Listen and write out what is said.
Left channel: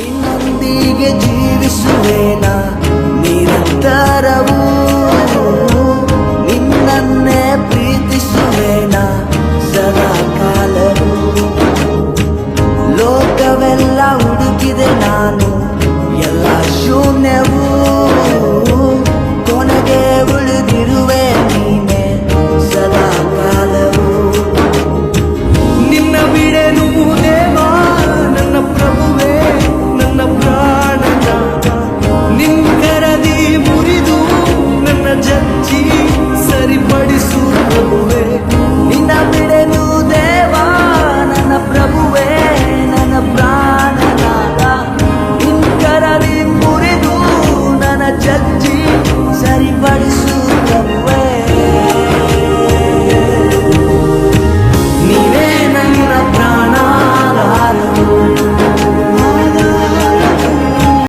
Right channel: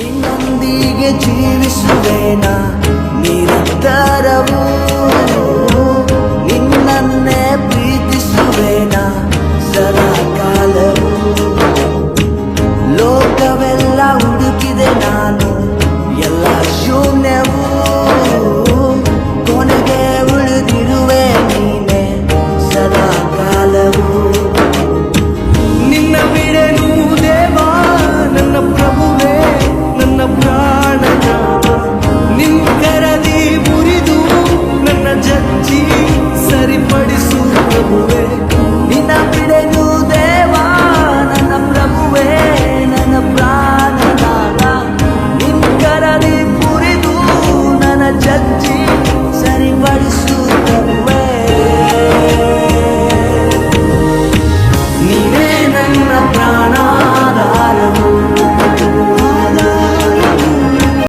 ನಿನ್ನೊಂದಿಗೆ ಜೀವಿಸುವೇನ ನಿರಂತರವೂ, ನಿನ್ನನ್ನೇ ಪ್ರೀತಿಸುವೇನ ಸದಾ ಕಾಲವೂ. ಲೋಕವೆಲ್ಲ ಹುಡುಕಿದೆ ನಾನು, ಎಲ್ಲ ಶೂನ್ಯವೂ, ಕೊನೆಗೆ ಉಳಿದಿರುವೆ ನೀನೆ ಸದಾ ಕಾಲವೂ. ನಿನ್ನ ಬಿಡೆನು ದೇವಾ ನನ್ನ ಪ್ರಭುವೇ, ನನ್ನ ಪ್ರಾಣನಾದ. ನಿನ್ ಕರದಿ ಮುರಿದು ನನ್ನ ಜಜ್ಜಿ ಸರಿಪಡಿಸು ಪ್ರಭುವೇ. ನಿನ್ನ ಬಿಡೆನು ದೇವಾ ನನ್ನ ಪ್ರಭುವೇ, ನನ್ನ ಪ್ರಾಣನಾದ. ನಿನ್ ಕರದಿ ಮುರಿದು ನನ್ನ ಜಜ್ಜಿ ಸರಿಪಡಿಸು ಪ್ರಭುವೇ. ನೀನೇ ನನ್ನ ಪ್ರಾಣಾಧಾರವು,